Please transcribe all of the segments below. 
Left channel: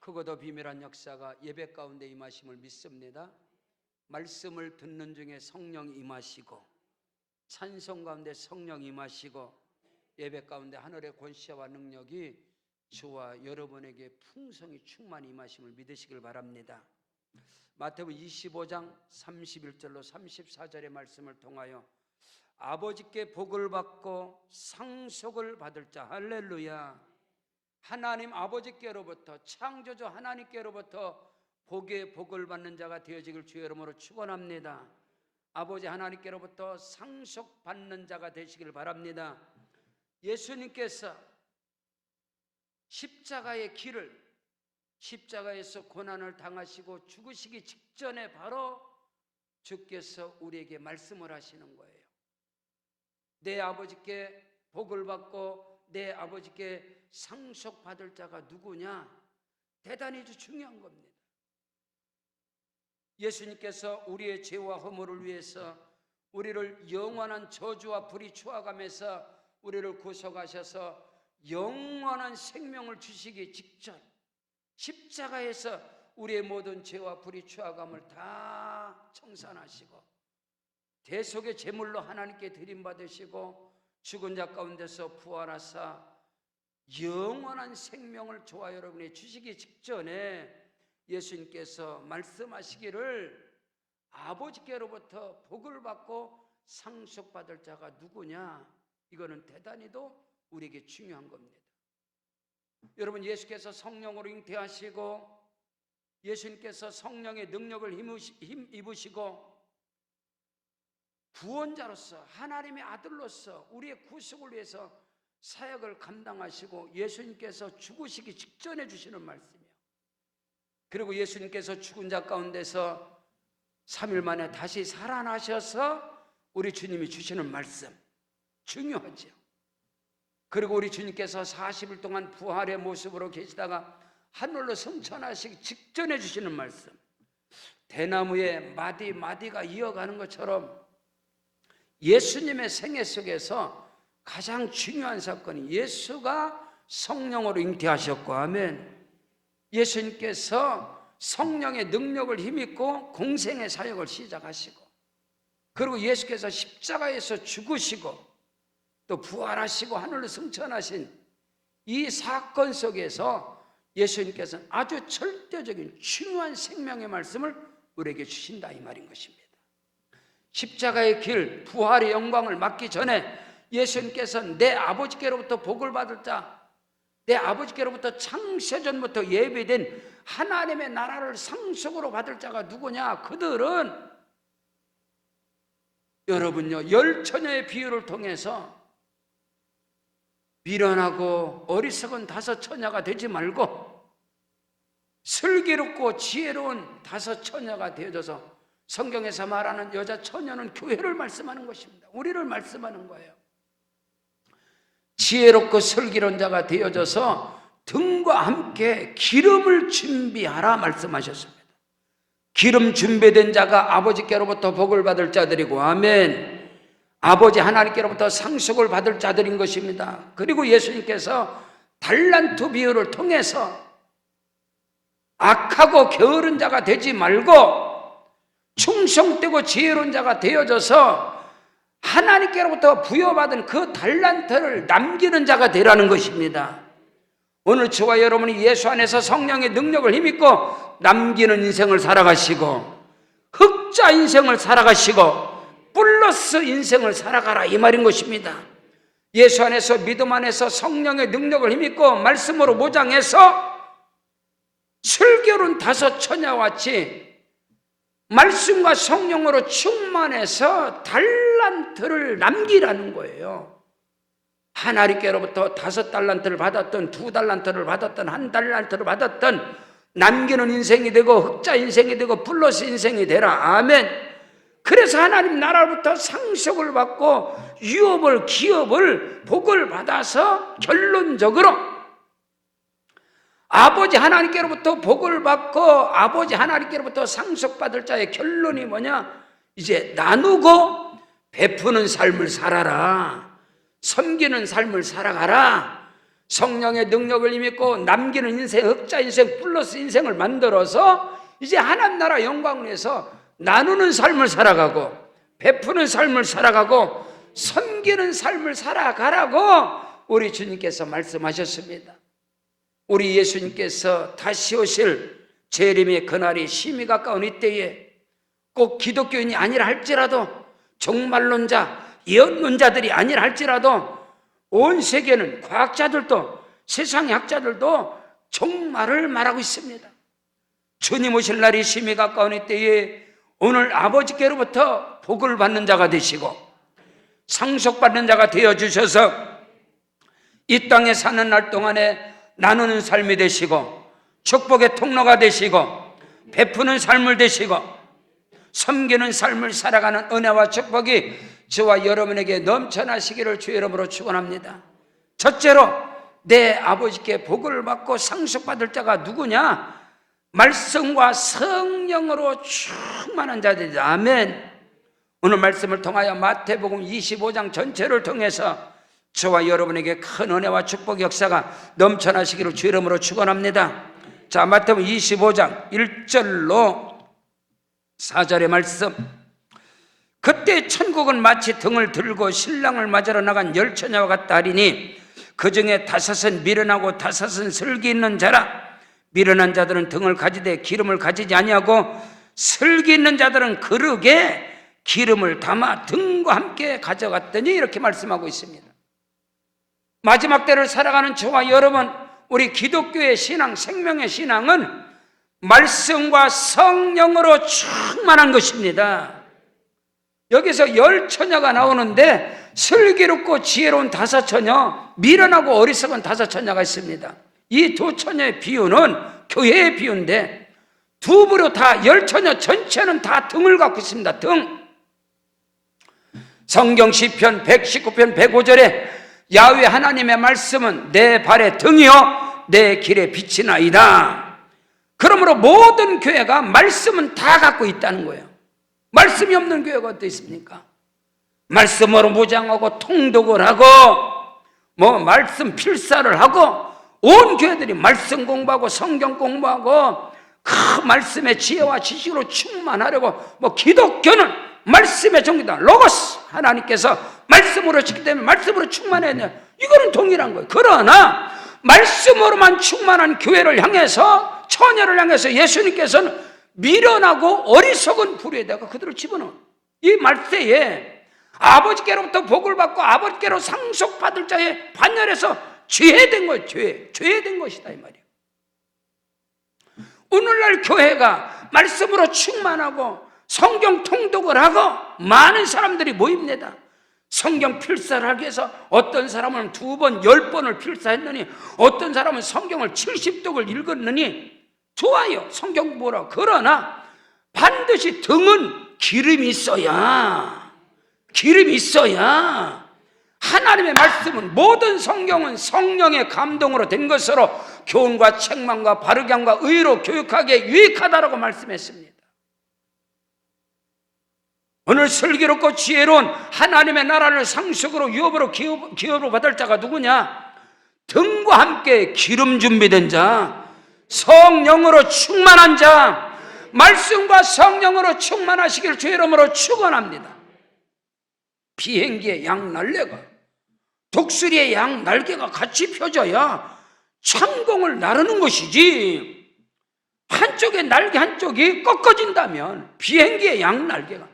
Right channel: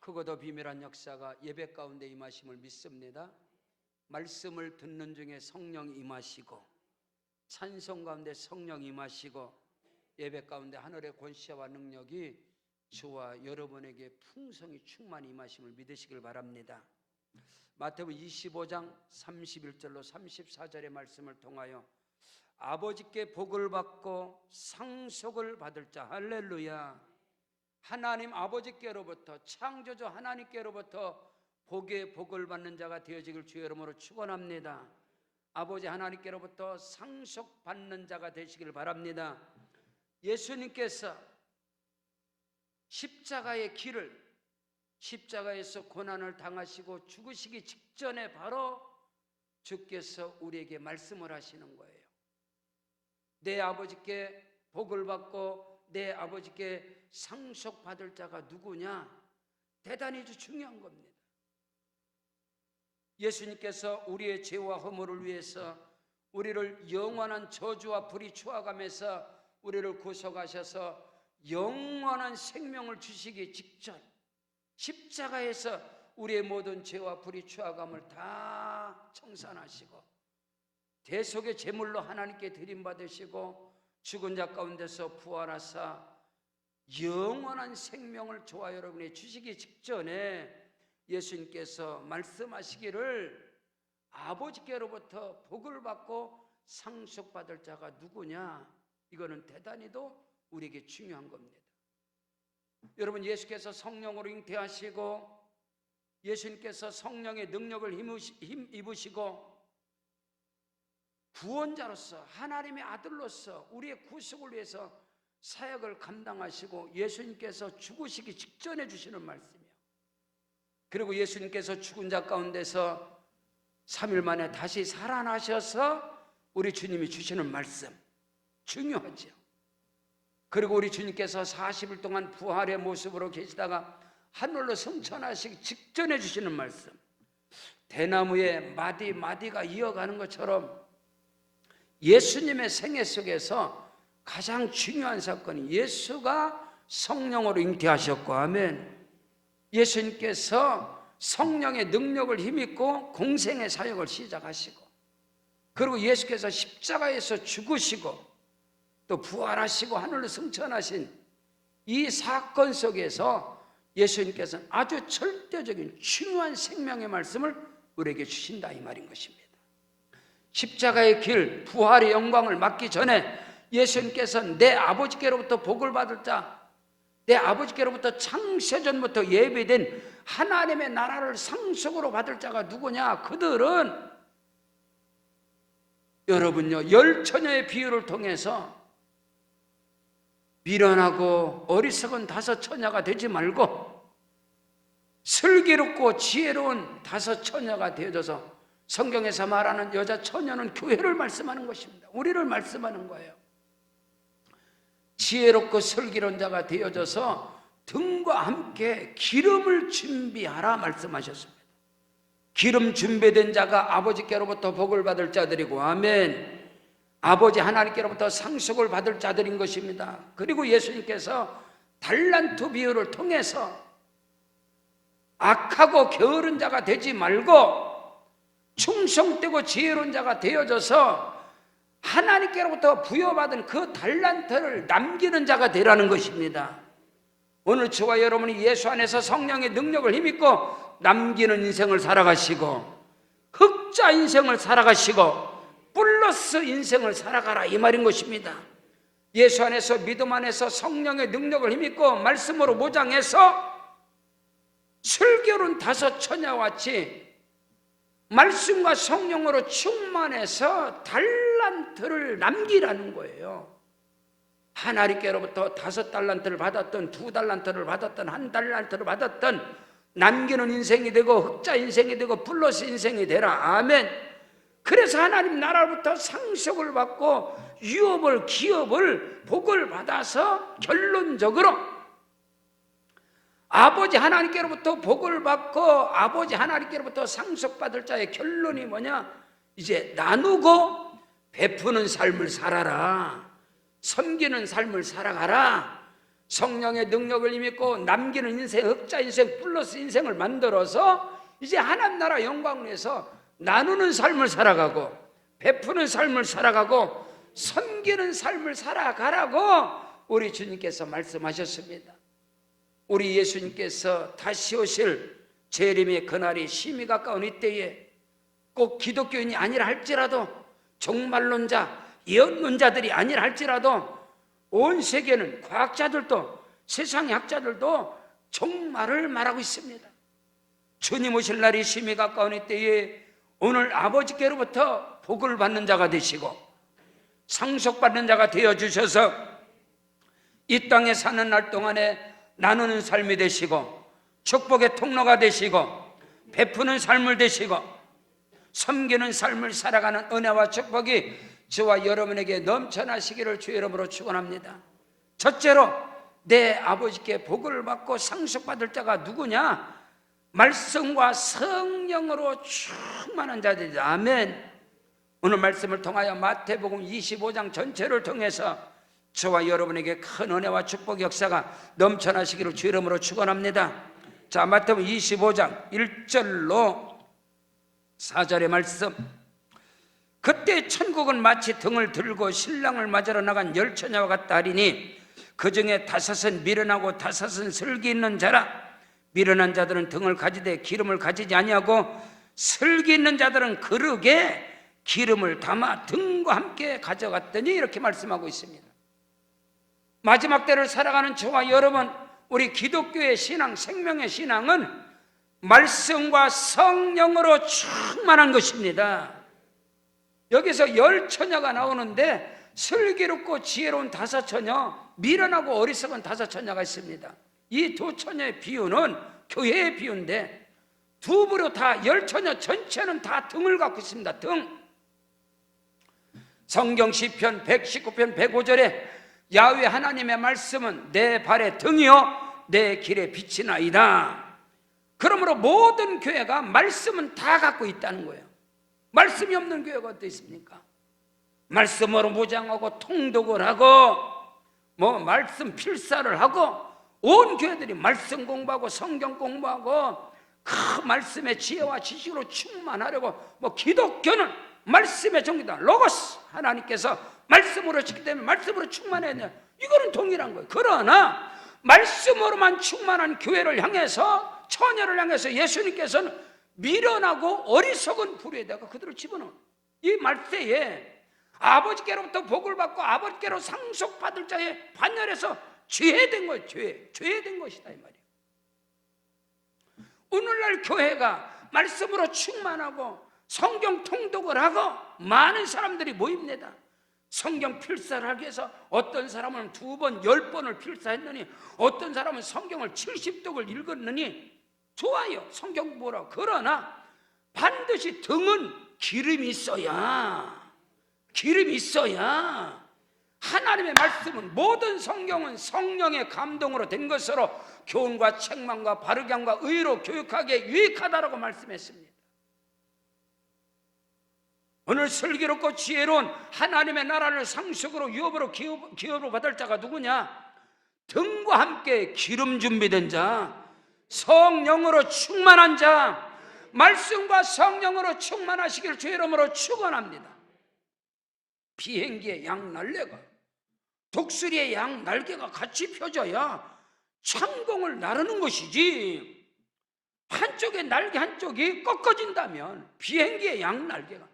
크고도 비밀한 역사가 예배 가운데 임하심을 믿습니다. 말씀을 듣는 중에 성령 임하시고, 찬송 가운데 성령 임하시고, 예배 가운데 하늘의 권세와 능력이 저와 여러분에게 풍성히 충만히 임하심을 믿으시길 바랍니다. 마태복음 25장 31절로 34절의 말씀을 통하여 아버지께 복을 받고 상속을 받을 자, 할렐루야, 하나님 아버지께로부터, 창조주 하나님께로부터 복의 복을 받는 자가 되어지길 주의 이름으로 축원합니다. 아버지 하나님께로부터 상속받는 자가 되시길 바랍니다. 예수님께서 십자가의 길을, 십자가에서 고난을 당하시고 죽으시기 직전에 바로 주께서 우리에게 말씀을 하시는 거예요. 내 아버지께 복을 받고 내 아버지께 상속받을 자가 누구냐? 대단히 중요한 겁니다. 예수님께서 우리의 죄와 허물을 위해서 우리를 영원한 저주와 불의 추악함에서 우리를 구속하셔서 영원한 생명을 주시기 직전 십자가에서 우리의 모든 죄와 불의 추악함을 다 청산하시고 대속의 제물로 하나님께 드림받으시고 죽은 자 가운데서 부활하사 영원한 생명을 저와 여러분이 주시기 직전에 예수님께서 말씀하시기를 아버지께로부터 복을 받고 상속받을 자가 누구냐? 이거는 대단히도 우리에게 중요한 겁니다. 여러분, 예수께서 성령으로 잉태하시고 예수님께서 성령의 능력을 입으시고 구원자로서 하나님의 아들로서 우리의 구속을 위해서 사역을 감당하시고 예수님께서 죽으시기 직전에 주시는 말씀이요. 그리고 예수님께서 죽은 자 가운데서 3일 만에 다시 살아나셔서 우리 주님이 주시는 말씀 중요하죠. 그리고 우리 주님께서 40일 동안 부활의 모습으로 계시다가 하늘로 승천하시기 직전에 주시는 말씀, 대나무에 마디마디가 이어가는 것처럼 예수님의 생애 속에서 가장 중요한 사건이 예수가 성령으로 잉태하셨고, 아멘. 예수님께서 성령의 능력을 힘입고 공생의 사역을 시작하시고, 그리고 예수께서 십자가에서 죽으시고 또 부활하시고 하늘로 승천하신 이 사건 속에서 예수님께서는 아주 절대적인 중요한 생명의 말씀을 우리에게 주신다, 이 말인 것입니다. 십자가의 길, 부활의 영광을 맞기 전에 예수님께서는 내 아버지께로부터 복을 받을 자, 내 아버지께로부터 창세전부터 예비된 하나님의 나라를 상속으로 받을 자가 누구냐? 그들은 여러분요, 열 처녀의 비유를 통해서 미련하고 어리석은 5 처녀가 되지 말고 슬기롭고 지혜로운 5 처녀가 되어져서, 성경에서 말하는 여자 처녀는 교회를 말씀하는 것입니다. 우리를 말씀하는 거예요. 지혜롭고 슬기로운 자가 되어져서 등과 함께 기름을 준비하라 말씀하셨습니다. 기름 준비된 자가 아버지께로부터 복을 받을 자들이고, 아멘. 아버지 하나님께로부터 상속을 받을 자들인 것입니다. 그리고 예수님께서 달란트 비유를 통해서 악하고 게으른 자가 되지 말고 충성되고 지혜로운 자가 되어져서 하나님께로부터 부여받은 그 달란트를 남기는 자가 되라는 것입니다. 오늘 저와 여러분이 예수 안에서 성령의 능력을 힘입고 남기는 인생을 살아가시고 흑자 인생을 살아가시고 플러스 인생을 살아가라, 이 말인 것입니다. 예수 안에서, 믿음 안에서 성령의 능력을 힘입고 말씀으로 모장해서 슬기로운 5 처녀와 같이 말씀과 성령으로 충만해서 달란트를 남기라는 거예요. 하나님께로부터 5 달란트를 받았던, 2 달란트를 받았던, 1 달란트를 받았던 남기는 인생이 되고 흑자 인생이 되고 플러스 인생이 되라, 아멘. 그래서 하나님 나라로부터 상속을 받고 유업을, 기업을, 복을 받아서 결론적으로 아버지 하나님께로부터 복을 받고 아버지 하나님께로부터 상속받을 자의 결론이 뭐냐? 이제 나누고 베푸는 삶을 살아라, 섬기는 삶을 살아가라, 성령의 능력을 힘입고 남기는 인생, 흑자 인생, 플러스 인생을 만들어서 이제 하나님 나라 영광을 위해서 나누는 삶을 살아가고 베푸는 삶을 살아가고 섬기는 삶을 살아가라고 우리 주님께서 말씀하셨습니다. 우리 예수님께서 다시 오실 재림의 그날이 심히 가까운 이때에 꼭 기독교인이 아니라 할지라도 종말론자, 예언론자들이 아니라 할지라도 온 세계는 과학자들도 세상의 학자들도 종말을 말하고 있습니다. 주님 오실 날이 심히 가까운 이때에 오늘 아버지께로부터 복을 받는 자가 되시고 상속받는 자가 되어주셔서 이 땅에 사는 날 동안에 나누는 삶이 되시고 축복의 통로가 되시고 베푸는 삶을 되시고 섬기는 삶을 살아가는 은혜와 축복이 저와 여러분에게 넘쳐나시기를 주의 이름으로 축원합니다. 첫째로 내 아버지께 복을 받고 상속받을 자가 누구냐? 말씀과 성령으로 충만한 자들이다. 아멘. 오늘 말씀을 통하여 마태복음 25장 전체를 통해서 저와 여러분에게 큰 은혜와 축복의 역사가 넘쳐나시기를 주의 이름으로 축원합니다. 자, 마태복음 25장 1절로 4절의 말씀. 그때 천국은 마치 등을 들고 신랑을 맞으러 나간 열처녀와 같다 하리니 그 중에 다섯은 미련하고 다섯은 슬기 있는 자라. 미련한 자들은 등을 가지되 기름을 가지지 아니하고 슬기 있는 자들은 그릇에 기름을 담아 등과 함께 가져갔더니 이렇게 말씀하고 있습니다. 마지막 때를 살아가는 저와 여러분, 우리 기독교의 신앙, 생명의 신앙은 말씀과 성령으로 충만한 것입니다. 여기서 열처녀가 나오는데 슬기롭고 지혜로운 다섯 처녀, 미련하고 어리석은 다섯 처녀가 있습니다. 이 두 처녀의 비유는 교회의 비유인데 두 부류 다 열처녀 전체는 다 등을 갖고 있습니다. 등. 성경 시편 119편 105절에 야훼 하나님의 말씀은 내 발의 등이요 내 길의 빛이나이다. 그러므로 모든 교회가 말씀은 다 갖고 있다는 거예요. 말씀이 없는 교회가 어디 있습니까? 말씀으로 무장하고 통독을 하고 말씀 필사를 하고 온 교회들이 말씀 공부하고 성경 공부하고 그 말씀의 지혜와 지식으로 충만하려고 기독교는 말씀의 정기다. 로고스 하나님께서 말씀으로 지기 때문에 말씀으로 충만해야 돼. 이거는 동일한 거예요. 그러나 말씀으로만 충만한 교회를 향해서 처녀를 향해서 예수님께서는 미련하고 어리석은 부류에다가 그들을 집어넣은 이 말세에 아버지께로부터 복을 받고 아버지께로 상속받을 자의 반열에서 죄된 거예요. 죄된 것이다 이 말이에요. 오늘날 교회가 말씀으로 충만하고 성경 통독을 하고 많은 사람들이 모입니다. 성경 필사를 하기 위해서 어떤 사람은 2번, 10번을 필사했느니 어떤 사람은 성경을 70독을 읽었느니 좋아요. 성경 공부라. 그러나 반드시 등은 기름이 있어야 하나님의 말씀은 모든 성경은 성령의 감동으로 된 것으로 교훈과 책망과 바르게 함과 의로 교육하기에 유익하다라고 말씀했습니다. 오늘 슬기롭고 지혜로운 하나님의 나라를 상속으로 유업으로 기업으로 받을 자가 누구냐? 등과 함께 기름 준비된 자, 성령으로 충만한 자, 말씀과 성령으로 충만하시길 주의 이름으로 축원합니다. 비행기의 양 날개가 독수리의 양 날개가 같이 펴져야 창공을 나르는 것이지 한쪽의 날개 한쪽이 꺾어진다면 비행기의 양 날개가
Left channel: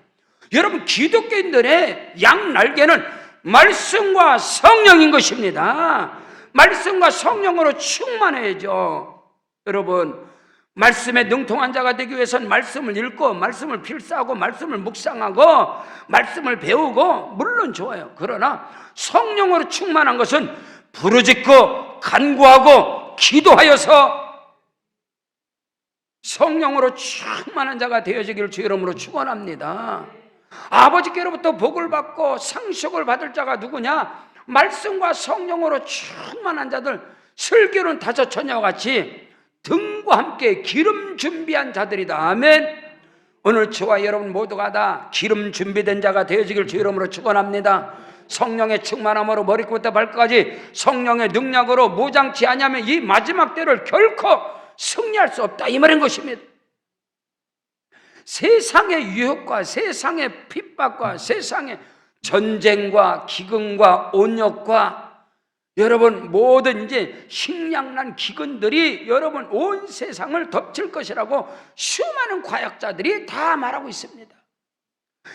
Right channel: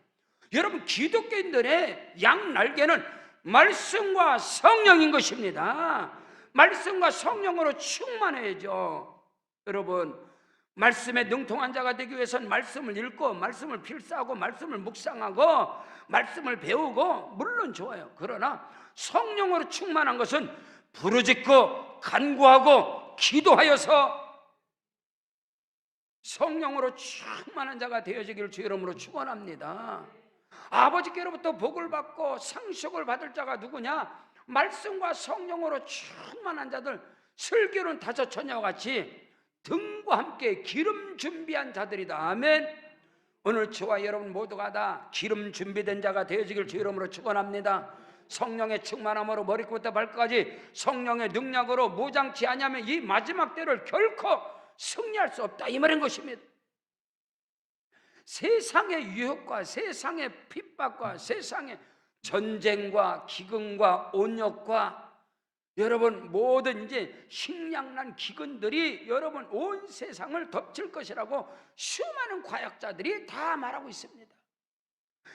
여러분 기독교인들의 양 날개는 말씀과 성령인 것입니다. 말씀과 성령으로 충만해야죠. 여러분 말씀에 능통한 자가 되기 위해서는 말씀을 읽고 말씀을 필사하고 말씀을 묵상하고 말씀을 배우고 물론 좋아요. 그러나 성령으로 충만한 것은 부르짖고 간구하고 기도하여서 성령으로 충만한 자가 되어지기를 주의 이름으로 축원합니다. 아버지께로부터 복을 받고 상속을 받을 자가 누구냐? 말씀과 성령으로 충만한 자들, 슬기로운 다섯 처녀와 같이 등과 함께 기름 준비한 자들이다. 아멘. 오늘 저와 여러분 모두가 다 기름 준비된 자가 되어지길 주의 이름으로 축원합니다. 성령의 충만함으로 머리끝부터 발끝까지 성령의 능력으로 무장치 아니하면 이 마지막 때를 결코 승리할 수 없다, 이 말인 것입니다. 세상의 유혹과 세상의 핍박과 세상의 전쟁과 기근과 온역과 여러분 모든 이제 식량난 기근들이 여러분 온 세상을 덮칠 것이라고 수많은 과학자들이 다 말하고 있습니다.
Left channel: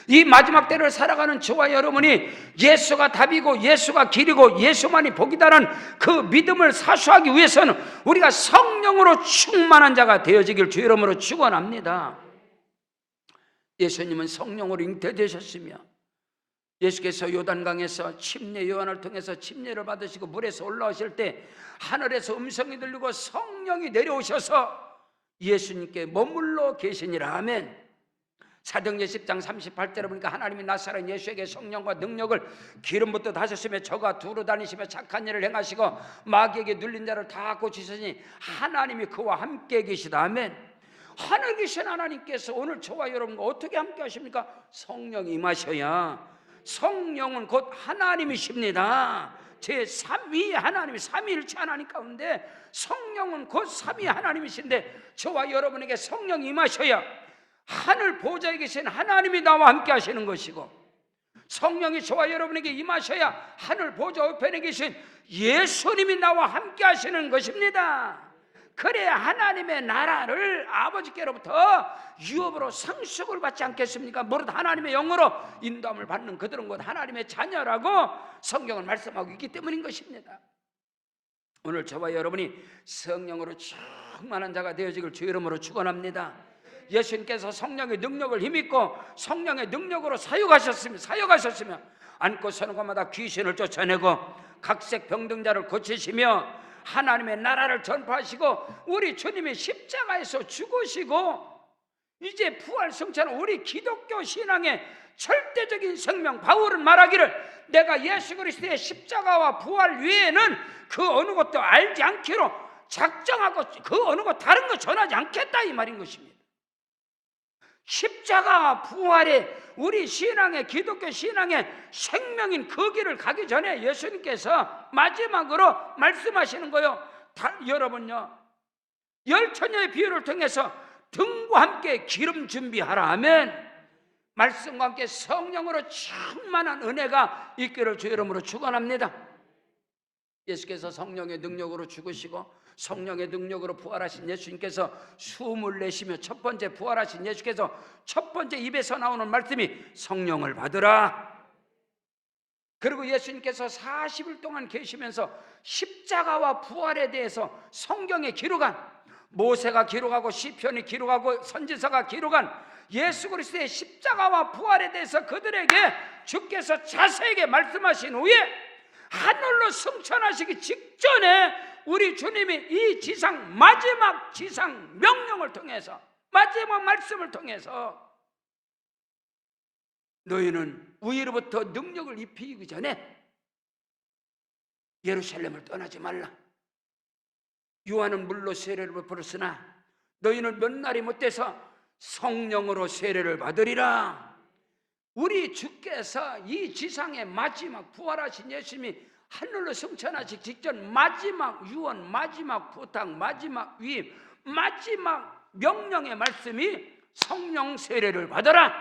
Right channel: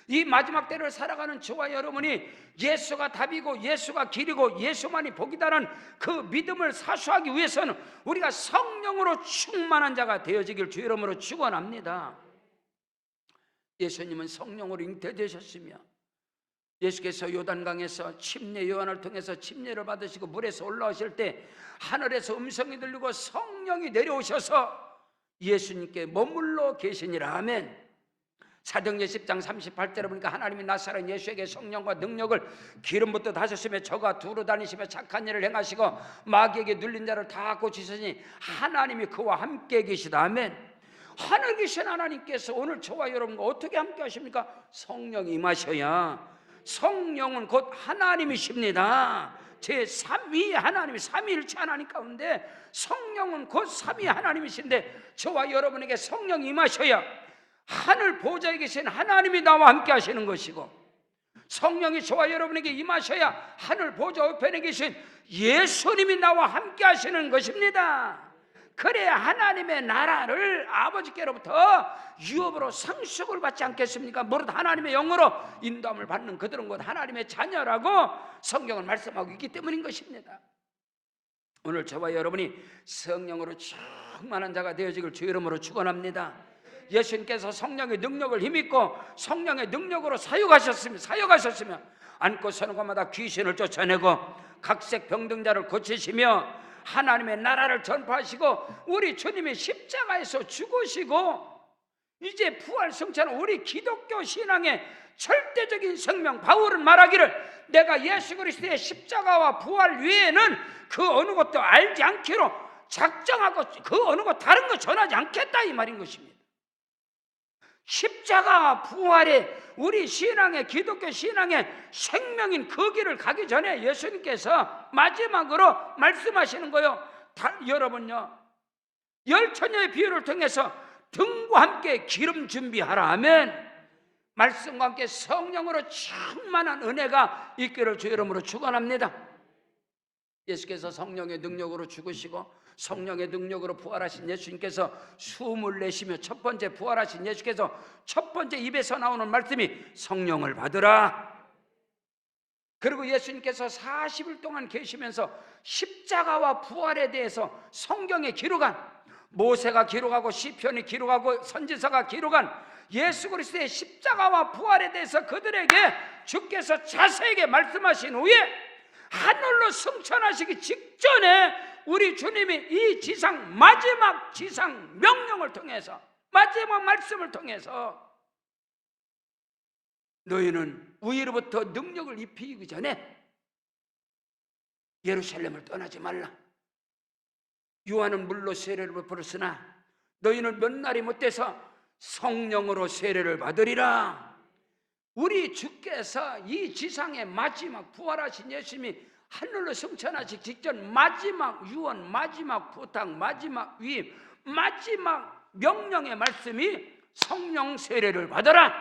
이 마지막 때를 살아가는 저와 여러분이 예수가 답이고 예수가 길이고 예수만이 복이다라는 그 믿음을 사수하기 위해서는 우리가 성령으로 충만한 자가 되어지길 주 이름으로 축원합니다. 예수님은 성령으로 잉태되셨으며 예수께서 요단강에서 침례 요한을 통해서 침례를 받으시고 물에서 올라오실 때 하늘에서 음성이 들리고 성령이 내려오셔서 예수님께 머물러 계시니라. 아멘. 사도행전 10장 38절에 보니까 하나님이 나사렛 예수에게 성령과 능력을 기름부터 다셨으며 저가 두루 다니시며 착한 일을 행하시고 마귀에게 눌린 자를 다 고치시니 하나님이 그와 함께 계시다. 아멘. 하늘에 계신 하나님께서 오늘 저와 여러분과 어떻게 함께 하십니까? 성령이 임하셔야. 성령은 곧 하나님이십니다. 제3위 하나님, 삼위일체 하나님 가운데 성령은 곧 삼위 하나님이신데 저와 여러분에게 성령이 임하셔야 하늘 보좌에 계신 하나님이 나와 함께 하시는 것이고, 성령이 저와 여러분에게 임하셔야 하늘 보좌 우편에 계신 예수님이 나와 함께 하시는 것입니다. 그래야 하나님의 나라를 아버지께로부터 유업으로 상속을 받지 않겠습니까? 무릇 하나님의 영으로 인도함을 받는 그들은 곧 하나님의 자녀라고 성경은 말씀하고 있기 때문인 것입니다. 오늘 저와 여러분이 성령으로 충만한 자가 되어지길 주 이름으로 축원합니다. 예수님께서 성령의 능력을 힘입고 성령의 능력으로 사역하셨으며 안고 서는 곳마다 귀신을 쫓아내고 각색 병등자를 고치시며 하나님의 나라를 전파하시고 우리 주님이 십자가에서 죽으시고 이제 부활 성찬은 우리 기독교 신앙의 절대적인 생명. 바울은 말하기를 내가 예수 그리스도의 십자가와 부활 외에는 그 어느 것도 알지 않기로 작정하고 그 어느 것 다른 거 전하지 않겠다, 이 말인 것입니다. 십자가 부활의 우리 신앙의 기독교 신앙의 생명인 그 길을 가기 전에 예수님께서 마지막으로 말씀하시는 거요. 여러분요, 열처녀의 비유를 통해서 등과 함께 기름 준비하라 하면 말씀과 함께 성령으로 충만한 은혜가 있기를 주 이름으로 축원합니다. 예수께서 성령의 능력으로 죽으시고 성령의 능력으로 부활하신 예수님께서 숨을 내쉬며 첫 번째 부활하신 예수께서 첫 번째 입에서 나오는 말씀이 성령을 받으라. 그리고 예수님께서 40일 동안 계시면서 십자가와 부활에 대해서 성경에 기록한, 모세가 기록하고 시편이 기록하고 선지서가 기록한 예수 그리스도의 십자가와 부활에 대해서 그들에게 주께서 자세하게 말씀하신 후에 하늘로 승천하시기 직전에 우리 주님이 이 지상 마지막 지상 명령을 통해서, 마지막 말씀을 통해서 너희는 위로부터 능력을 입히기 전에 예루살렘을 떠나지 말라. 요한은 물로 세례를 베풀었으나 너희는 몇 날이 못돼서 성령으로 세례를 받으리라. 우리 주께서 이 지상의 마지막 부활하신 예수님이 하늘로 승천하시기 직전 마지막 유언, 마지막 부탁, 마지막 위임, 마지막 명령의 말씀이 성령 세례를 받아라.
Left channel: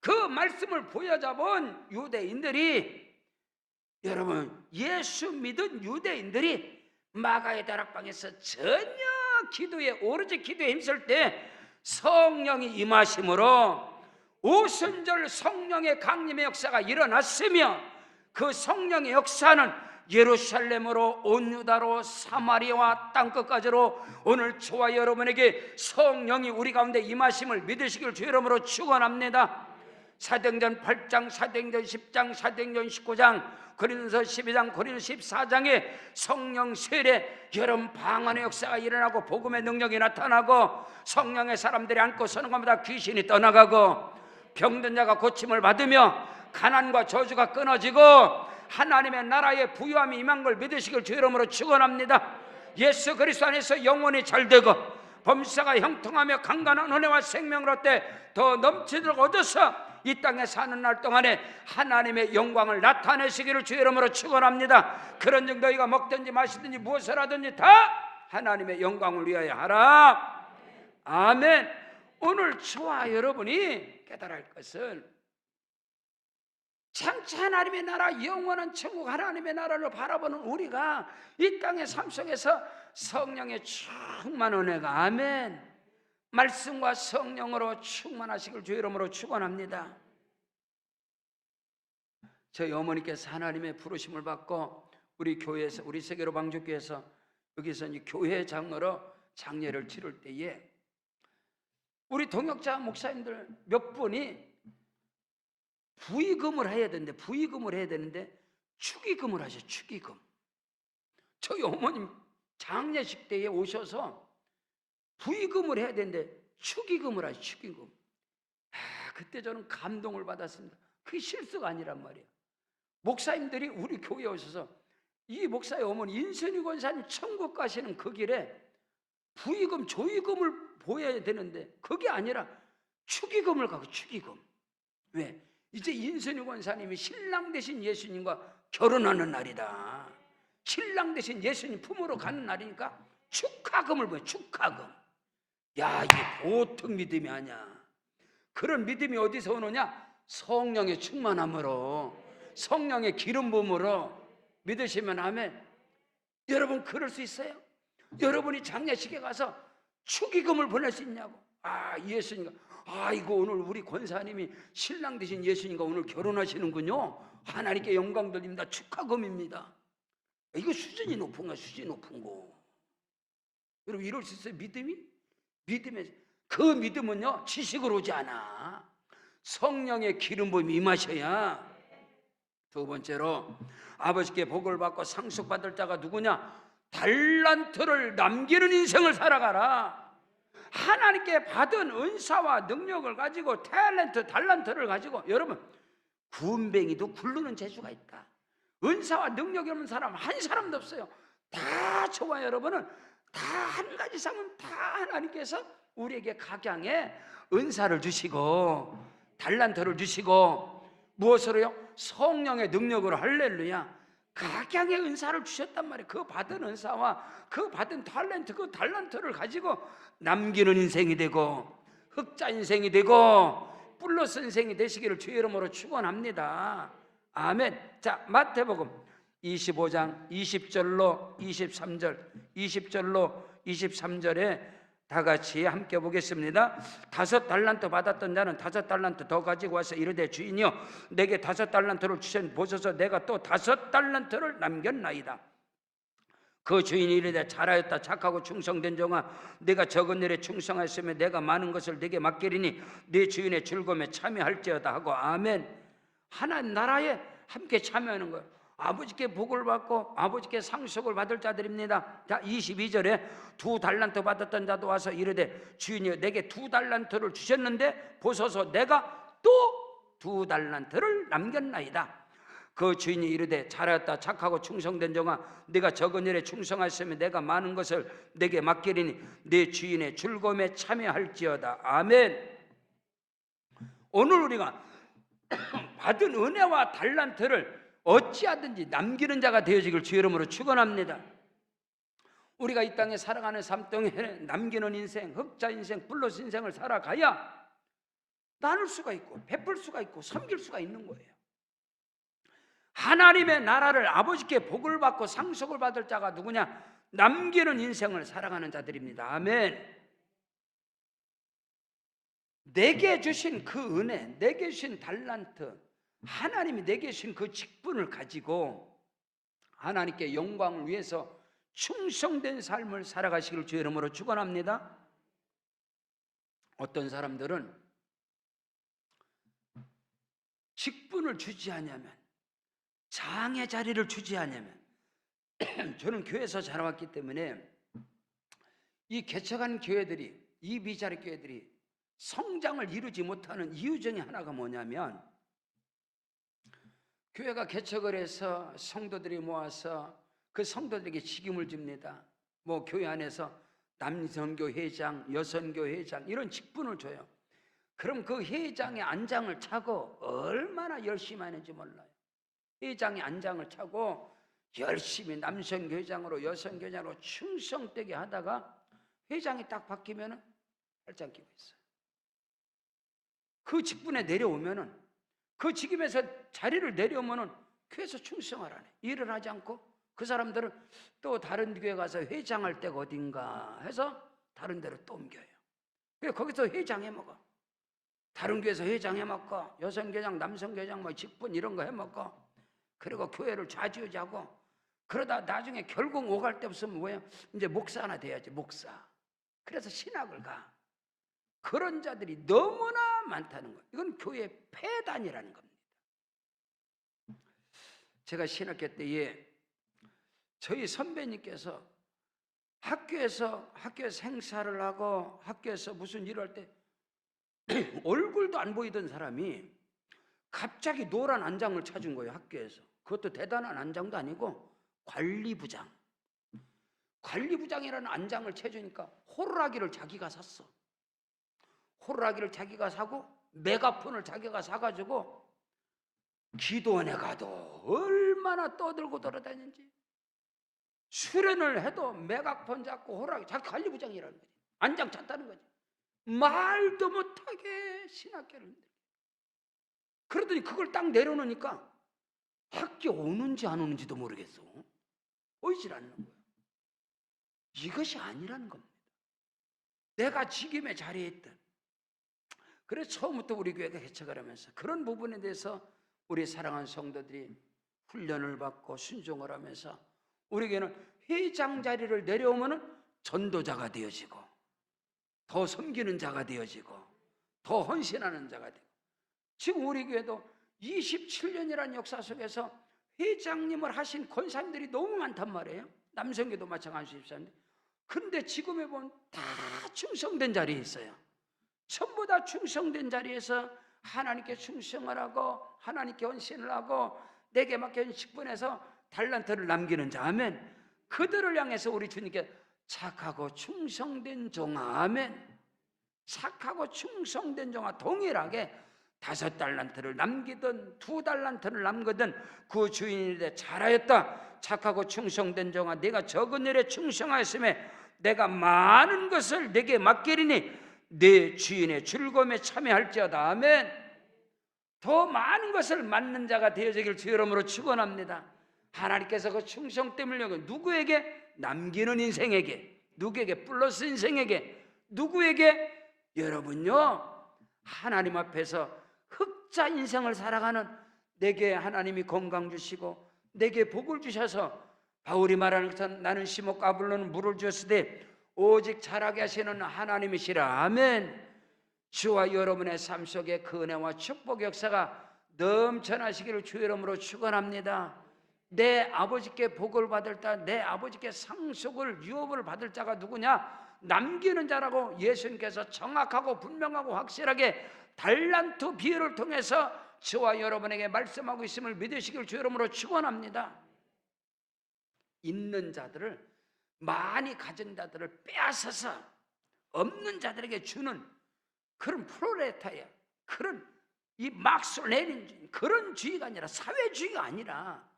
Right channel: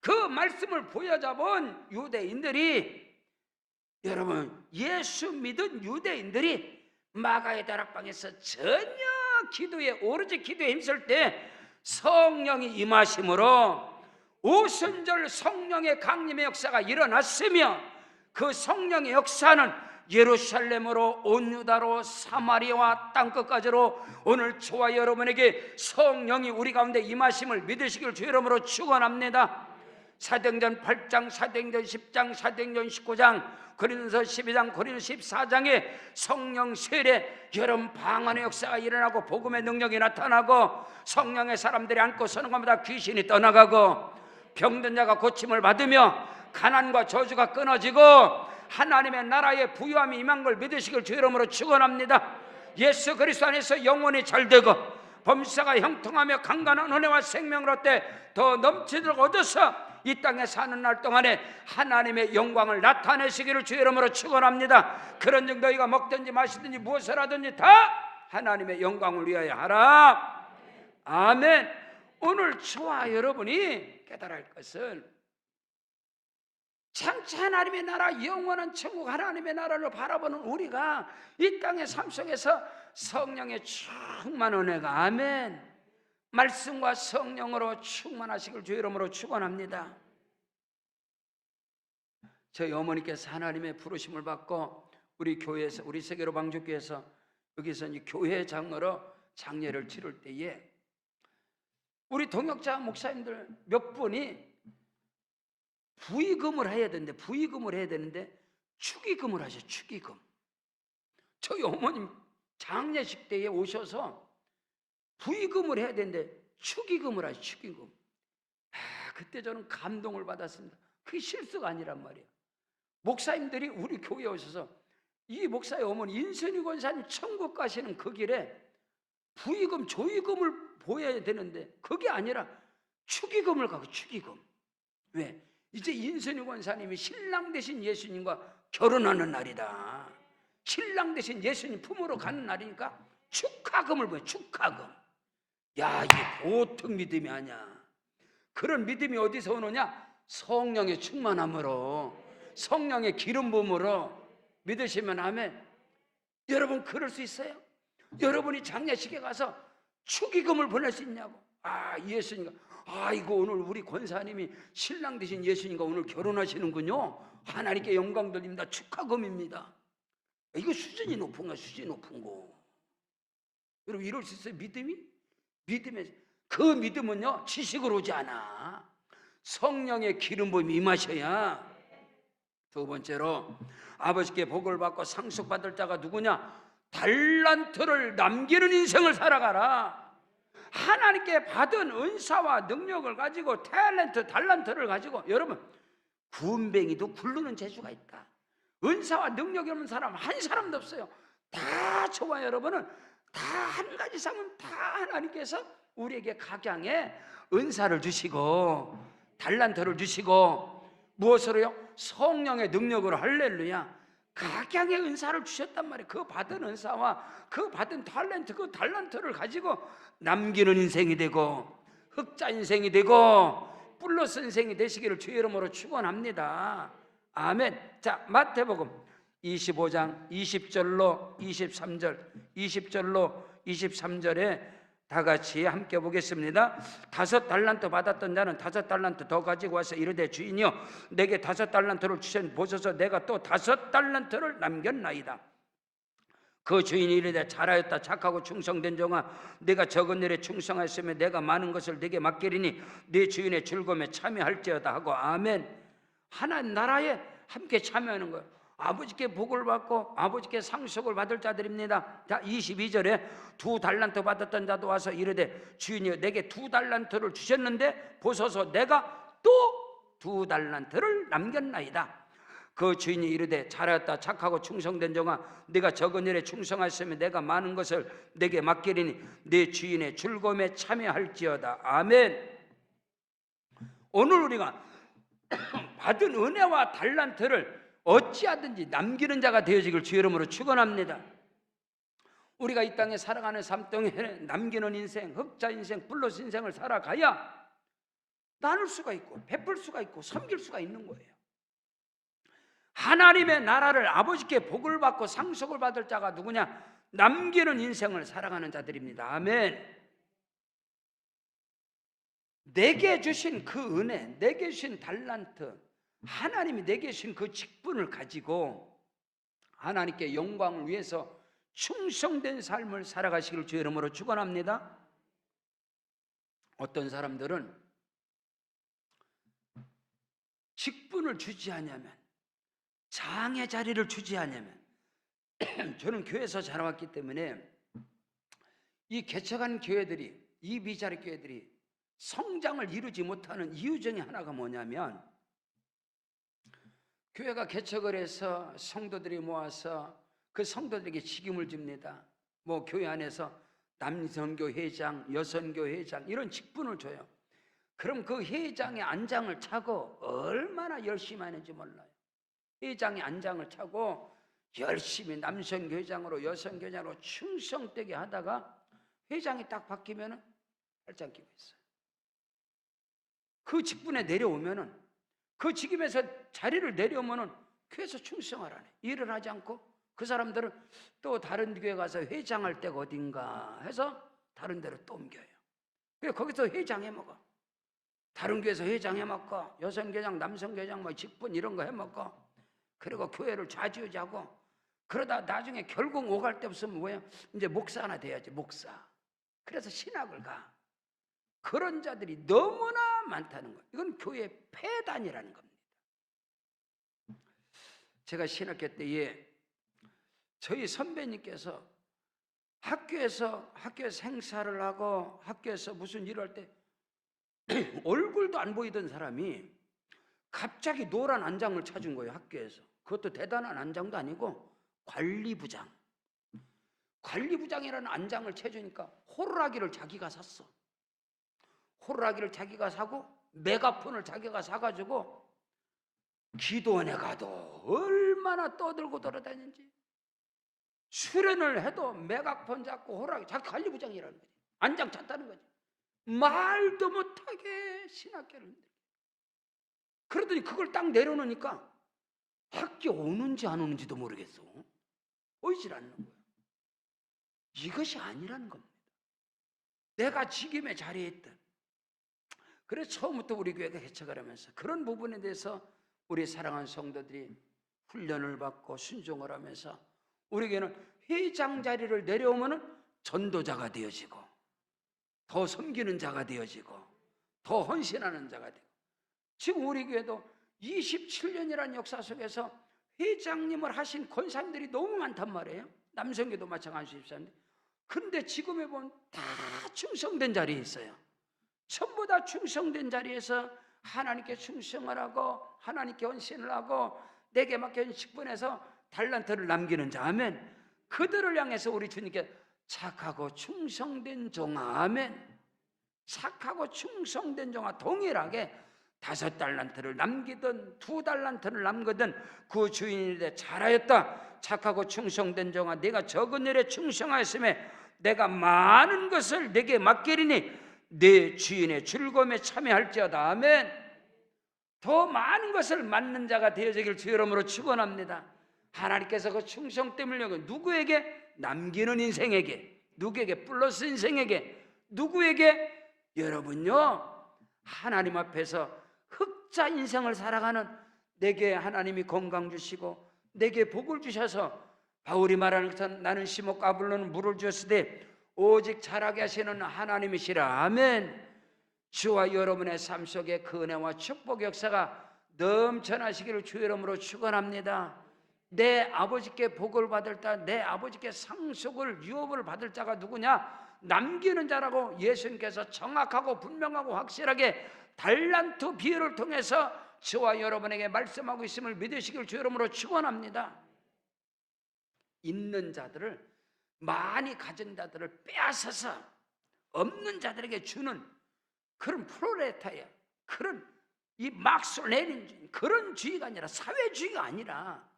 그 말씀을 보여잡은 유대인들이, 여러분 예수 믿은 유대인들이 마가의 다락방에서 전혀 기도에, 오로지 기도에 힘쓸 때 성령이 임하심으로 오순절 성령의 강림의 역사가 일어났으며 그 성령의 역사는 예루살렘으로 온 유다로 사마리아와 땅끝까지로 오늘 저와 여러분에게 성령이 우리 가운데 임하심을 믿으시길 주 이름으로 축원합니다. 사도행전 8장, 사도행전 10장, 사도행전 19장, 고린도서 12장, 고린도서 14장에 성령 세례, 여러분 방언의 역사가 일어나고 복음의 능력이 나타나고 성령의 사람들이 안고 서는 것마다 귀신이 떠나가고 병든 자가 고침을 받으며 가난과 저주가 끊어지고 하나님의 나라의 부유함이 임한 걸 믿으시길 주 이름으로 축원합니다. 예수 그리스도 안에서 영혼이 잘되고 범사가 형통하며 강건한 은혜와 생명을 얻되 더 넘치도록 얻어서 이 땅에 사는 날 동안에 하나님의 영광을 나타내시기를 주의 이름으로 축원합니다. 그런즉 너희가 먹든지 마시든지 무엇을 하든지 다 하나님의 영광을 위하여 하라. 아멘. 오늘 저와 여러분이 깨달아야 할 것은 장차 하나님의 나라, 영원한 천국 하나님의 나라를 바라보는 우리가 이 땅의 삶 속에서 성령의 충만한 은혜가, 아멘, 말씀과 성령으로 충만하시길 주의 이름으로 축원합니다. 저희 어머니께서 하나님의 부르심을 받고 우리 교회에서, 우리 세계로 방주교회에서 여기서 이제 교회장으로 장례를 치를 때에 우리 동역자 목사님들 몇 분이 부의금을 해야 되는데 축의금을 하셔. 축의금. 저희 어머님 장례식 때에 오셔서 부의금을 해야 되는데 축의금을 하셔. 축의금. 그때 저는 감동을 받았습니다. 그게 실수가 아니란 말이에요. 목사님들이 우리 교회에 오셔서 이 목사의 어머니 인선이 권사님 천국 가시는 그 길에 부의금, 조의금을 보여야 되는데 그게 아니라 축의금을 가고. 축의금. 왜? 이제 인선이 권사님이 신랑 되신 예수님과 결혼하는 날이다. 신랑 되신 예수님 품으로 가는 날이니까 축하금을 보여. 축하금. 야, 이게 보통 믿음이 아니야. 그런 믿음이 어디서 오느냐? 성령의 충만함으로, 성령의 기름 부음으로 믿으시면 아멘. 여러분 그럴 수 있어요? 여러분이 장례식에 가서 축의금을 보낼 수 있냐고. 예수님과 이거 오늘 우리 권사님이 신랑 되신 예수님과 오늘 결혼하시는군요. 하나님께 영광 돌립니다. 축하금입니다. 이거 수준이 높은 거야. 수준이 높은 거. 여러분 이럴 수 있어요? 믿음에 그 믿음은요 지식으로 오지 않아. 성령의 기름 부음이 임하셔야. 두 번째로 아버지께 복을 받고 상속받을 자가 누구냐? 달란트를 남기는 인생을 살아가라. 하나님께 받은 은사와 능력을 가지고 달란트를 가지고, 여러분 군뱅이도 굴르는 재주가 있다. 은사와 능력이 없는 사람 한 사람도 없어요. 다 저와 여러분은 다 한 가지 이상은 다 하나님께서 우리에게 각양의 은사를 주시고 달란트를 주시고 무엇으로요? 성령의 능력으로. 할렐루야. 각양의 은사를 주셨단 말이에요. 그 받은 은사와 그 받은 탤런트, 그 탤런트를 가지고 남기는 인생이 되고 흑자 인생이 되고 플러스 인생이 되시기를 주의 이름으로 축원합니다. 아멘. 자, 마태복음 25장 20절로 23절에 다 같이 함께 보겠습니다. 5달란트 받았던 자는 5달란트 더 가지고 와서 이르되 주인이여 내게 5달란트를 주셨니 보소서 내가 또 5달란트를 남겼나이다. 그 주인이 이르되 잘하였다 착하고 충성된 종아 내가 적은 일에 충성하였으면 내가 많은 것을 네게 맡기리니 네 주인의 즐거움에 참여할지어다 하고. 아멘. 하나님 나라에 함께 참여하는 거예요. 아버지께 복을 받고 아버지께 상속을 받을 자들입니다. 자, 22절에 2달란트 받았던 자도 와서 이르되 주인이여 내게 2달란트를 주셨는데 보소서 내가 또 2달란트를 남겼나이다. 그 주인이 이르되 잘하였다 착하고 충성된 종아 네가 적은 일에 충성하였으면 내가 많은 것을 네게 맡기리니 네 주인의 즐거움에 참여할지어다. 아멘. 오늘 우리가 받은 은혜와 달란트를 어찌하든지 남기는 자가 되어지길 주의 이름으로 축원합니다. 우리가 이 땅에 살아가는 삶 동안에 남기는 인생, 흑자 인생, 플러스 인생을 살아가야 나눌 수가 있고 베풀 수가 있고 섬길 수가 있는 거예요. 하나님의 나라를 아버지께 복을 받고 상속을 받을 자가 누구냐? 남기는 인생을 살아가는 자들입니다. 아멘. 내게 주신 그 은혜, 내게 주신 달란트, 하나님이 내게 주신 그 직분을 가지고 하나님께 영광을 위해서 충성된 삶을 살아가시길 주의 이름으로 축원합니다. 어떤 사람들은 직분을 주지 않으면, 장의 자리를 주지 않으면, 저는 교회에서 자라왔기 때문에 이 개척한 교회들이, 이 미자리 교회들이 성장을 이루지 못하는 이유 중에 하나가 뭐냐면, 교회가 개척을 해서 성도들이 모아서 그 성도들에게 직임을 줍니다. 뭐 교회 안에서 남선교 회장, 여선교 회장 이런 직분을 줘요. 그럼 그 회장의 안장을 차고 얼마나 열심히 하는지 몰라요. 회장의 안장을 차고 열심히 남성교장으로 여성교장으로 충성되게 하다가 회장이 딱 바뀌면 팔짱 끼고 있어요. 그 직분에 내려오면은, 그 직임에서 자리를 내려오면은 교회에서 충성을 안 해. 일을 하지 않고 그 사람들은 또 다른 교회 가서 회장할 때가 어딘가 해서 다른 데로 또 옮겨요. 그래서 거기서 회장 해먹어. 다른 교회에서 회장 해먹고 여성교장 남성교장 뭐 직분 이런 거 해먹고, 그리고 교회를 좌지우지하고, 그러다 나중에 결국 오갈 데 없으면 뭐야? 이제 목사 하나 돼야지, 목사. 그래서 신학을 가. 그런 자들이 너무나 많다는 거예요. 이건 교회의 폐단이라는 겁니다. 제가 신학교 때에 저희 선배님께서 학교에서 행사를 하고 학교에서 무슨 일을 할 때 얼굴도 안 보이던 사람이 갑자기 노란 안장을 찾은 거예요. 학교에서. 그것도 대단한 안장도 아니고 관리부장. 관리부장이라는 안장을 채주니까 호루라기를 자기가 샀어. 호루라기를 자기가 사고 메가폰을 자기가 사가지고 기도원에 가도 얼마나 떠들고 돌아다니는지, 수련을 해도 메가폰 잡고 호루라기, 자기 관리부장이라는 거지. 안장 찼다는 거지. 말도 못하게 신학교를 흔들려. 그러더니 그걸 딱 내려놓으니까 학교 오는지 안 오는지도 모르겠어. 오질 않는 거야. 이것이 아니라는 겁니다. 내가 직임의 자리에 있던. 그래서 처음부터 우리 교회가 개척을 하면서 그런 부분에 대해서 우리 사랑하는 성도들이 훈련을 받고 순종을 하면서 우리에게는 회장 자리를 내려오면 전도자가 되어지고, 더 섬기는 자가 되어지고, 더 헌신하는 자가 되고, 지금 우리 교회도 27년이라는 역사 속에서 회장님을 하신 권사님들이 너무 많단 말이에요. 남성교도 마찬가지입니다. 근데 지금에 보면 다 충성된 자리에 있어요. 전부 다 충성된 자리에서 하나님께 충성을 하고 하나님께 헌신을 하고 내게 맡겨진 직분에서 달란트를 남기는 자, 아멘. 그들을 향해서 우리 주님께 착하고 충성된 종아, 아멘. 착하고 충성된 종아, 동일하게 5달란트를 남기든 2달란트를 남기든 그 주인이 되 잘하였다. 착하고 충성된 종아, 내가 적은 일에 충성하였음에 내가 많은 것을 내게 맡기리니 내 주인의 즐거움에 참여할지어다, 아멘. 더 많은 것을 맡는 자가 되어지길 주 이름으로 축원합니다. 하나님께서 그 충성됨을 누구에게? 남기는 인생에게, 누구에게? 플러스 인생에게, 누구에게? 여러분요, 하나님 앞에서 흑자 인생을 살아가는 내게 하나님이 건강 주시고 내게 복을 주셔서 바울이 말하는 것은 나는 시몬 까불로는 물을 주었으되 오직 자라게 하시는 하나님이시라, 아멘. 주와 여러분의 삶 속에 그 은혜와 축복 역사가 넘쳐나시기를 주 이름으로 축원합니다. 내 아버지께 복을 받을 자, 내 아버지께 상속을 유업을 받을 자가 누구냐? 남기는 자라고 예수님께서 정확하고 분명하고 확실하게 달란트 비유를 통해서 저와 여러분에게 말씀하고 있음을 믿으시길 주 이름으로 축원합니다. 있는 자들을, 많이 가진 자들을 빼앗아서 없는 자들에게 주는 그런 프로레타리아, 그런 이 막스 레닌주의, 그런 주의가 아니라, 사회주의가 아니라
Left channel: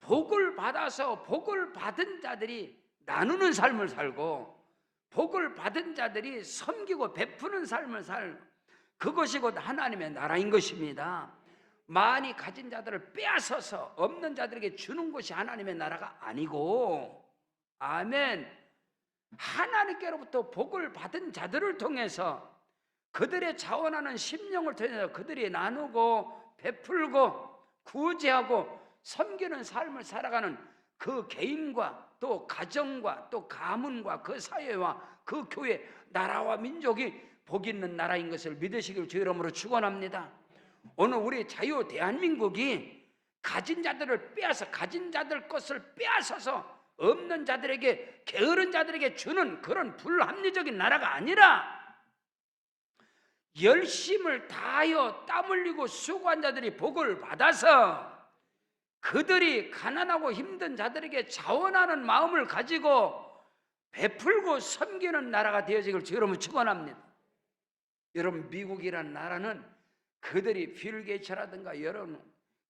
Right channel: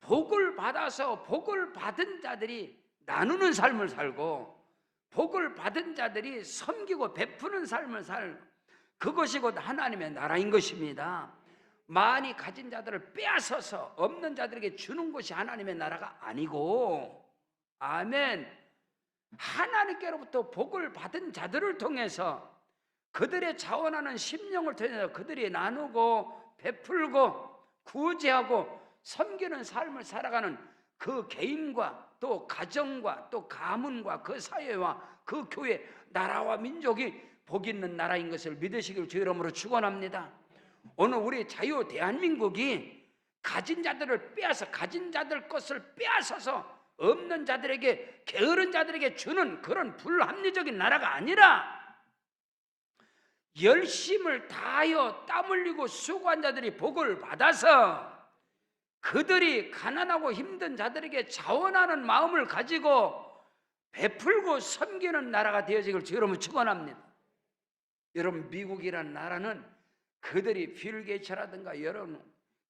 복을 받아서 복을 받은 자들이 나누는 삶을 살고 복을 받은 자들이 섬기고 베푸는 삶을 살고, 그것이 곧 하나님의 나라인 것입니다. 많이 가진 자들을 빼앗아서 없는 자들에게 주는 것이 하나님의 나라가 아니고, 아멘. 하나님께로부터 복을 받은 자들을 통해서 그들의 자원하는 심령을 통해서 그들이 나누고 베풀고 구제하고 섬기는 삶을 살아가는 그 개인과 또 가정과 또 가문과 그 사회와 그 교회, 나라와 민족이 복 있는 나라인 것을 믿으시길 주 이름으로 축원합니다. 오늘 우리 자유 대한민국이 가진 자들을 빼앗아, 가진 자들 것을 빼앗아서 없는 자들에게, 게으른 자들에게 주는 그런 불합리적인 나라가 아니라 열심을 다하여 땀 흘리고 수고한 자들이 복을 받아서 그들이 가난하고 힘든 자들에게 자원하는 마음을 가지고 베풀고 섬기는 나라가 되어지길 주 여러분 축원합니다. 여러분, 미국이란 나라는 그들이 빌 게이츠라든가 여러분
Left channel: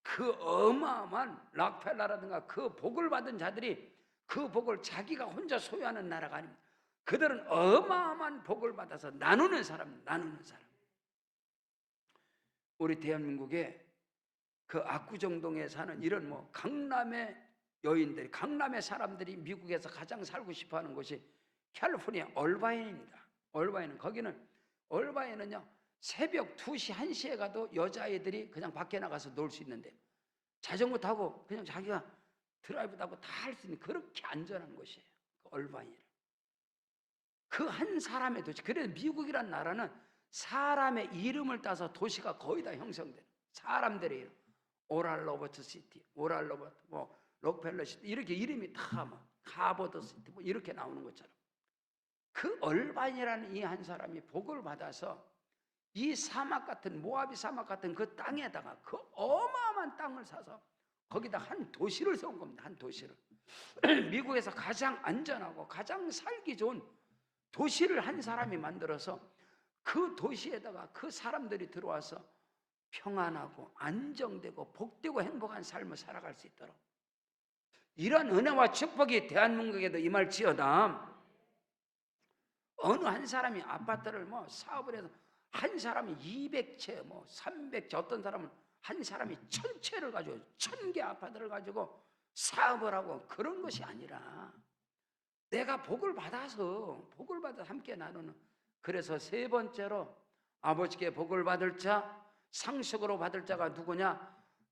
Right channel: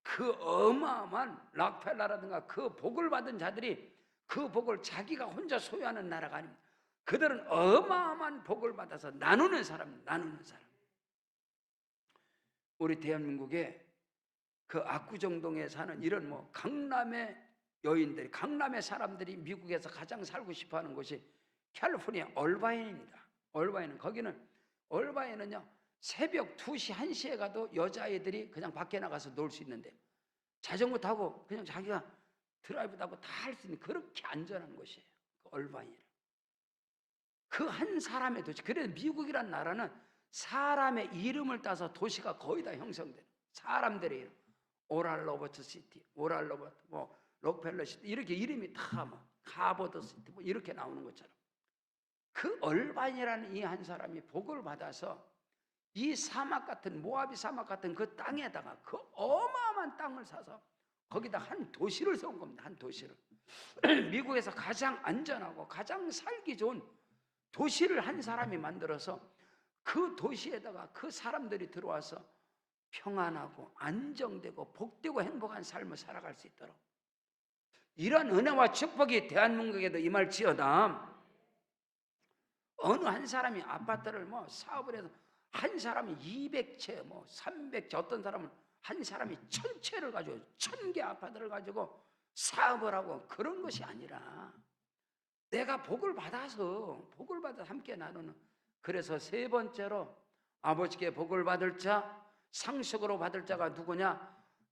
그 어마어마한 락펠러라든가 그 복을 받은 자들이 그 복을 자기가 혼자 소유하는 나라가 아닙니다. 그들은 어마어마한 복을 받아서 나누는 사람. 우리 대한민국에 그 압구정동에 사는 이런 강남의 여인들이, 강남의 사람들이 미국에서 가장 살고 싶어하는 곳이 캘리포니아 얼바인입니다. 얼바인은요 새벽 2시, 1시에 가도 여자아이들이 그냥 밖에 나가서 놀 수 있는데 자전거 타고 그냥 자기가 드라이브 타고 다 할 수 있는 그렇게 안전한 곳이에요. 그 얼바인. 그 한 사람의 도시. 그래서 미국이란 나라는 사람의 이름을 따서 도시가 거의 다 형성돼요. 사람들의 이름. 오랄 로버트 시티, 오랄 로버트, 록펠러 시티 이렇게 이름이 다 하버드 시티 이렇게 나오는 것처럼 그 얼바인이라는 이 한 사람이 복을 받아서 이 사막 같은 모아비 사막 같은 그 땅에다가 그 어마어마한 땅을 사서 거기다 한 도시를 세운 겁니다. 한 도시를. 미국에서 가장 안전하고 가장 살기 좋은 도시를 한 사람이 만들어서 그 도시에다가 그 사람들이 들어와서 평안하고 안정되고 복되고 행복한 삶을 살아갈 수 있도록 이런 은혜와 축복이 대한민국에도 임할지어다. 어느 한 사람이 아파트를 사업을 해서 한 사람이 200채 300채 어떤 사람은 한 사람이 1000채를 가지고 1000개 아파트를 가지고 사업을 하고 그런 것이 아니라 내가 복을 받아서 함께 나누는. 그래서 세 번째로 아버지께 복을 받을 자, 상속으로 받을 자가 누구냐?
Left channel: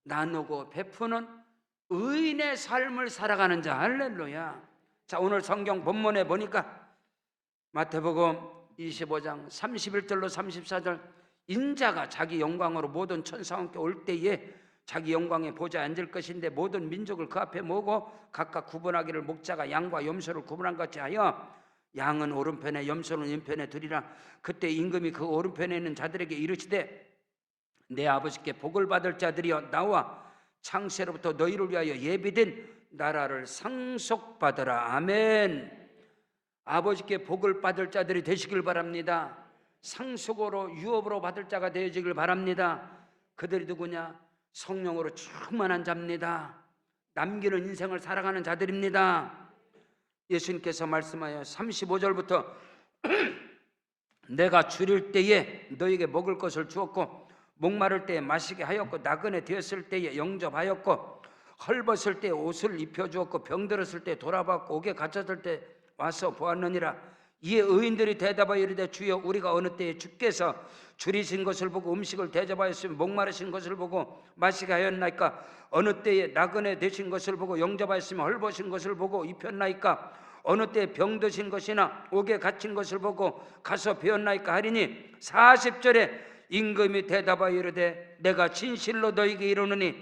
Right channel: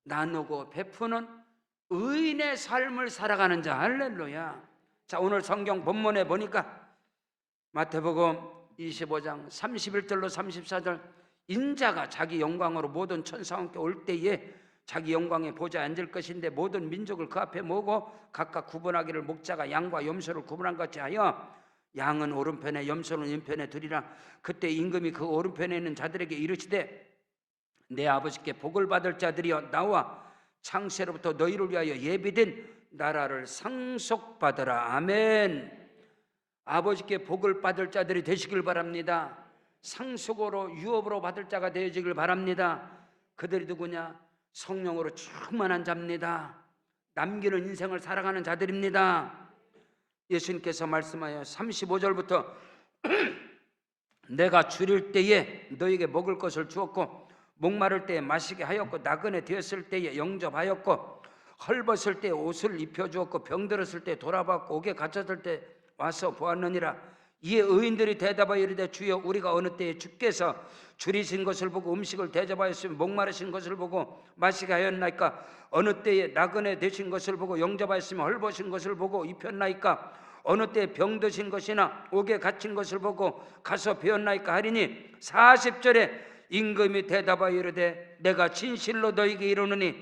나누고 베푸는 의인의 삶을 살아가는 자. 할렐루야. 자, 오늘 성경 본문에 보니까 마태복음 25장 31절로 34절 인자가 자기 영광으로 모든 천사와 함께 올 때에 자기 영광의 보좌에 앉을 것인데 모든 민족을 그 앞에 모으고 각각 구분하기를 목자가 양과 염소를 구분한 것 같이 하여 양은 오른편에 염소는 왼편에 두리라. 그때 임금이 그 오른편에 있는 자들에게 이르시되 내 아버지께 복을 받을 자들이여 나와 창세로부터 너희를 위하여 예비된 나라를 상속받으라. 아멘. 아버지께 복을 받을 자들이 되시길 바랍니다. 상속으로 유업으로 받을 자가 되어지길 바랍니다. 그들이 누구냐? 성령으로 충만한 자입니다. 남기는 인생을 살아가는 자들입니다. 예수님께서 말씀하여 35절부터 내가 줄일 때에 너에게 먹을 것을 주었고 목마를 때에 마시게 하였고 나그네 되었을 때에 영접하였고 헐벗을 때에 옷을 입혀주었고 병들었을 때에 돌아봤고 옥에 갇혔을 때 와서 보았느니라. 이에 의인들이 대답하여 이르되 주여 우리가 어느 때에 주께서 줄이신 것을 보고 음식을 대접하였으며 목마르신 것을 보고 마시게 하였나이까? 어느 때에 나그네 되신 것을 보고 영접하였으며 헐벗은 것을 보고 입혔나이까? 어느 때에 병드신 것이나 옥에 갇힌 것을 보고 가서 배웠나이까? 하리니 40절에 임금이 대답하여 이르되 내가 진실로 너희에게 이르노니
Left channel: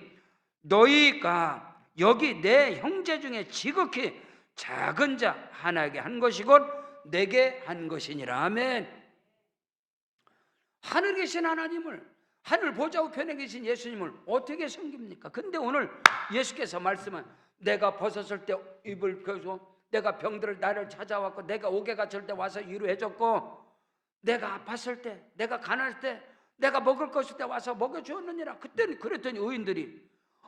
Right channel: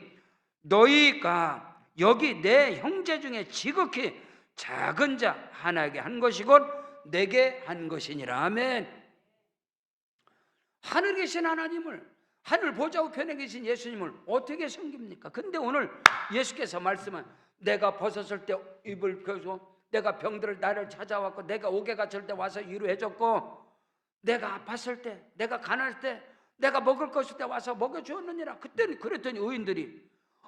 너희가 여기 내 형제 중에 지극히 작은 자 하나에게 한 것이곧 내게 한 것이니라. 아멘. 하늘에 계신 하나님을, 하늘 보좌 우편에 계신 예수님을 어떻게 섬깁니까? 근데 오늘 예수께서 말씀은 내가 벗었을 때 입을 펴줘, 내가 병들을 나를 찾아왔고 내가 옥에 갇힐 때 와서 위로해줬고 내가 아팠을 때, 내가 가난할 때, 내가 먹을 것일 때 와서 먹여주었느니라. 그때는 그랬더니 의인들이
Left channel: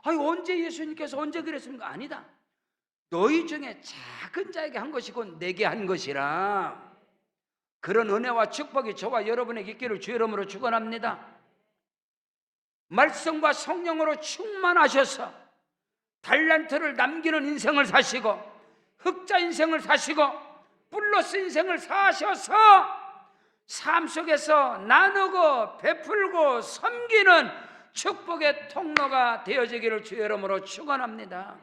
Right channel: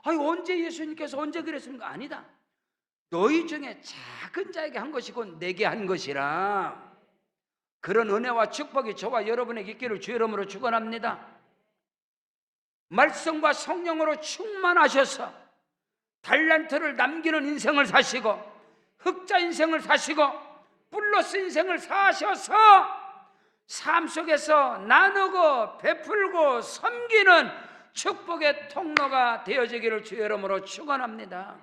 아니 언제 예수님께서 언제 그랬습니까? 아니다. 너희 중에 작은 자에게 한 것이고 내게 한 것이라. 그런 은혜와 축복이 저와 여러분에게 있기를 주의 이름으로 축원합니다. 말씀과 성령으로 충만하셔서 달란트를 남기는 인생을 사시고 흑자 인생을 사시고 플러스 인생을 사셔서 삶 속에서 나누고 베풀고 섬기는 축복의 통로가 되어지기를 주의 이름으로 축원합니다.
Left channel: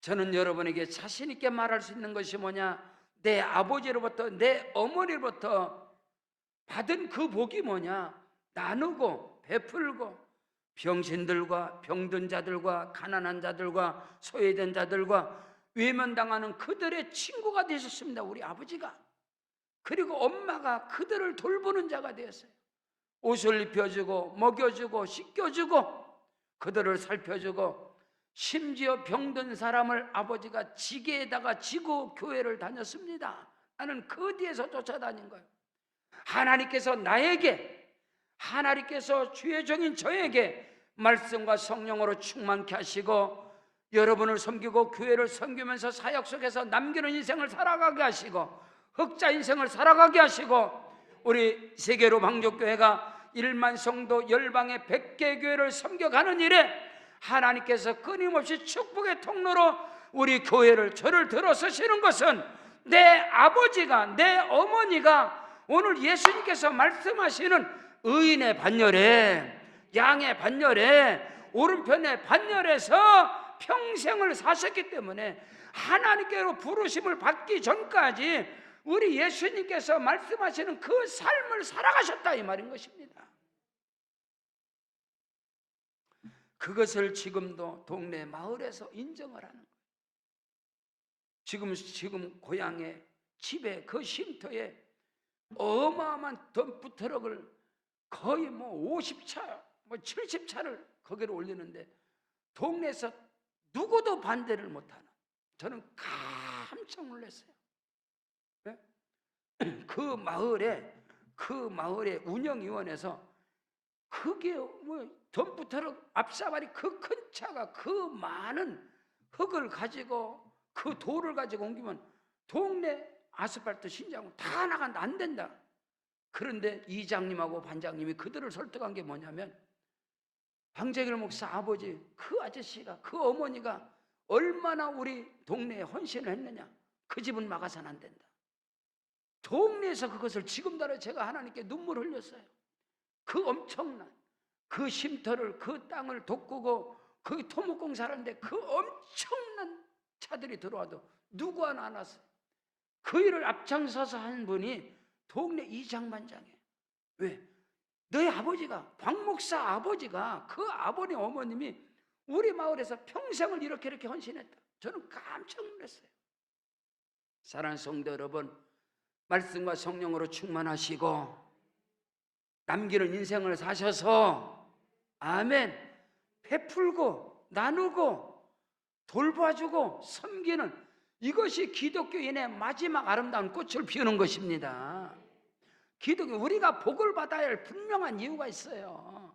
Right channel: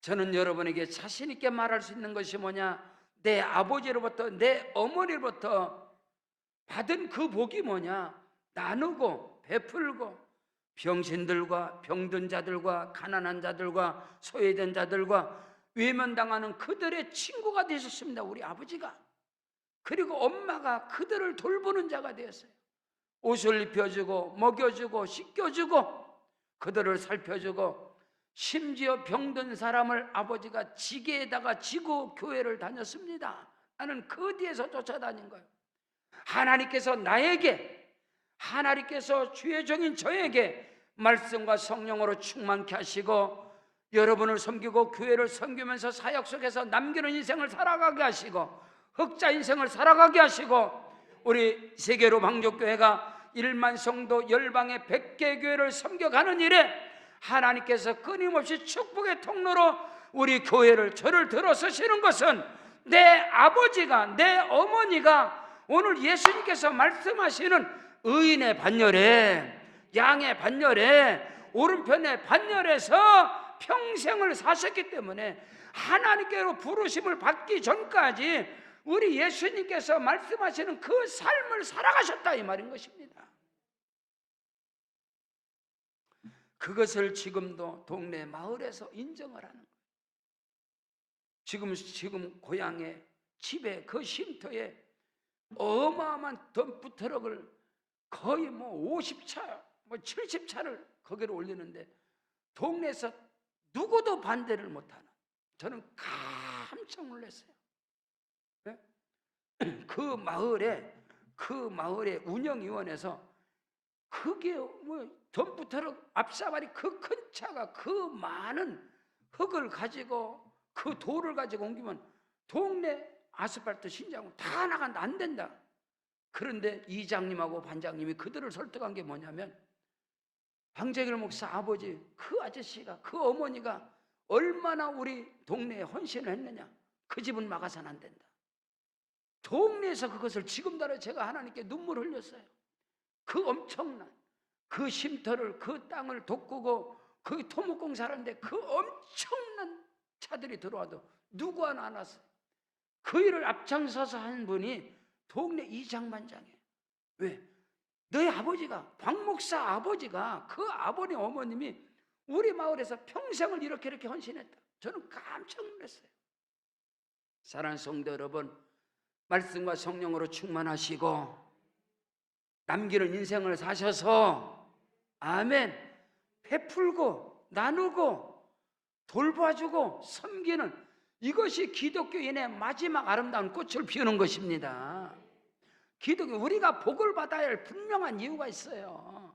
저는 여러분에게 자신 있게 말할 수 있는 것이 뭐냐? 내 아버지로부터 내 어머니로부터 받은 그 복이 뭐냐? 나누고 베풀고 병신들과 병든 자들과 가난한 자들과 소외된 자들과 외면당하는 그들의 친구가 되셨습니다. 우리 아버지가. 그리고 엄마가 그들을 돌보는 자가 되었어요. 옷을 입혀주고 먹여주고 씻겨주고 그들을 살펴주고 심지어 병든 사람을 아버지가 지게에다가 지고 교회를 다녔습니다. 나는 그 뒤에서 쫓아다닌 거예요. 하나님께서 나에게, 하나님께서 주의 종인 저에게 말씀과 성령으로 충만케 하시고 여러분을 섬기고 교회를 섬기면서 사역 속에서 남기는 인생을 살아가게 하시고 흑자 인생을 살아가게 하시고 우리 세계로 방족교회가 1만 성도 열방의 100개 교회를 섬겨가는 일에 하나님께서 끊임없이 축복의 통로로 우리 교회를, 저를 들어서시는 것은 내 아버지가, 내 어머니가 오늘 예수님께서 말씀하시는 의인의 반열에, 양의 반열에, 오른편의 반열에서 평생을 사셨기 때문에 하나님께로 부르심을 받기 전까지 우리 예수님께서 말씀하시는 그 삶을 살아가셨다 이 말인 것입니다. 그것을 지금도 동네 마을에서 인정을 하는 거예요. 지금 고향에, 집에, 그 쉼터에 어마어마한 덤프 트럭을 거의 50차, 70차를 거기로 올리는데 동네에서 누구도 반대를 못하는, 저는 깜짝 놀랐어요. 네? 그 마을의 운영위원회에서 그게 덤프 트럭 앞사발이 그 큰 차가 그 많은 흙을 가지고 그 돌을 가지고 옮기면 동네 아스팔트 신장은 다 나간다, 안 된다. 그런데 이장님하고 반장님이 그들을 설득한 게 뭐냐면 황재길 목사 아버지, 그 아저씨가, 그 어머니가 얼마나 우리 동네에 헌신을 했느냐, 그 집은 막아서는 안 된다. 동네에서 그것을, 지금도 제가 하나님께 눈물 흘렸어요. 그 엄청난 그 쉼터를, 그 땅을 돋구고 그 토목공사를 하는데 그 엄청난 차들이 들어와도 누구 하나 안 왔어요. 그 일을 앞장서서 한 분이 동네 이장반장이에요. 왜? 너희 아버지가, 박 목사 아버지가, 그 아버님 어머님이 우리 마을에서 평생을 이렇게 헌신했다. 저는 깜짝 놀랐어요. 사랑하는 성도 여러분, 말씀과 성령으로 충만하시고 남기는 인생을 사셔서 아멘, 베풀고 나누고 돌봐주고 섬기는, 이것이 기독교인의 마지막 아름다운 꽃을 피우는 것입니다. 기독교, 우리가 복을 받아야 할 분명한 이유가 있어요.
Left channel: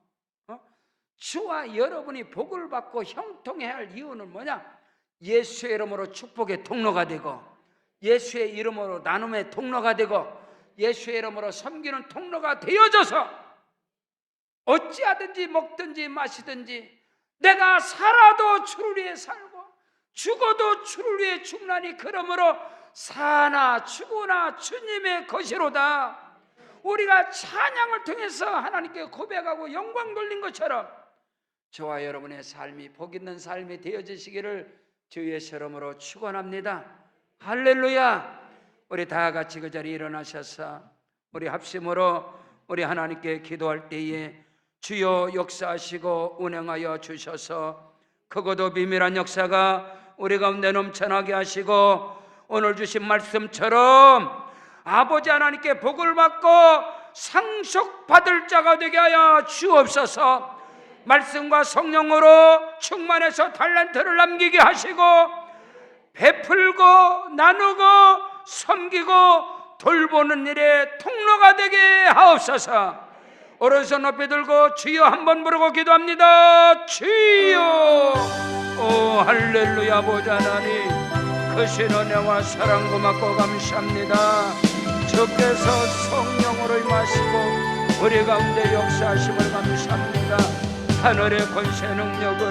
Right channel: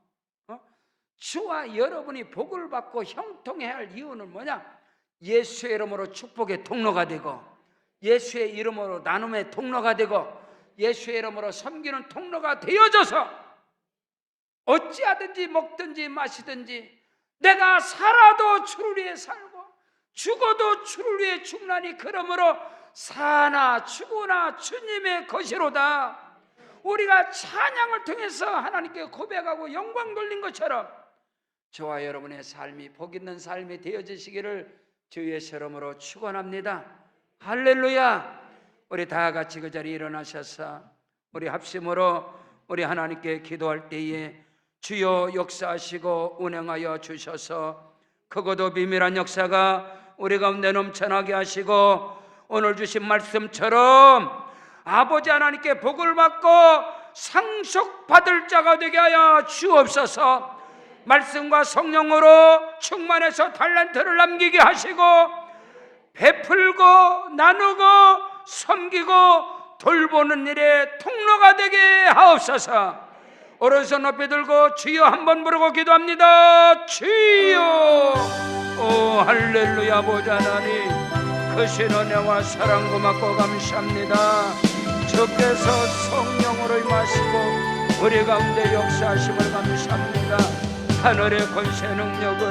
주와 여러분이 복을 받고 형통해야 할 이유는 뭐냐? 예수의 이름으로 축복의 통로가 되고, 예수의 이름으로 나눔의 통로가 되고, 예수의 이름으로 섬기는 통로가 되어져서 어찌하든지 먹든지 마시든지 내가 살아도 주를 위해 살고 죽어도 주를 위해 죽나니 그러므로 사나 죽으나 주님의 것이로다. 우리가 찬양을 통해서 하나님께 고백하고 영광 돌린 것처럼 저와 여러분의 삶이 복 있는 삶이 되어지시기를 주 예수 이름으로 축원합니다. 할렐루야. 우리 다 같이 그 자리에 일어나셔서 우리 합심으로 우리 하나님께 기도할 때에 주여 역사하시고 운행하여 주셔서 크고도 비밀한 역사가 우리 가운데 넘쳐나게 하시고 오늘 주신 말씀처럼 아버지 하나님께 복을 받고 상속받을 자가 되게 하여 주옵소서. 말씀과 성령으로 충만해서 달란트를 남기게 하시고 베풀고 나누고 섬기고 돌보는 일에 통로가 되게 하옵소서. 오른손 높이 들고 주여 한번 부르고 기도합니다. 주여. 오 할렐루야. 아버지 하나님, 크신 은혜와 사랑 고맙고 감사합니다. 주께서 성령으로 임하시고 우리 가운데 역사하심을 감사합니다. 하늘의 권세 능력을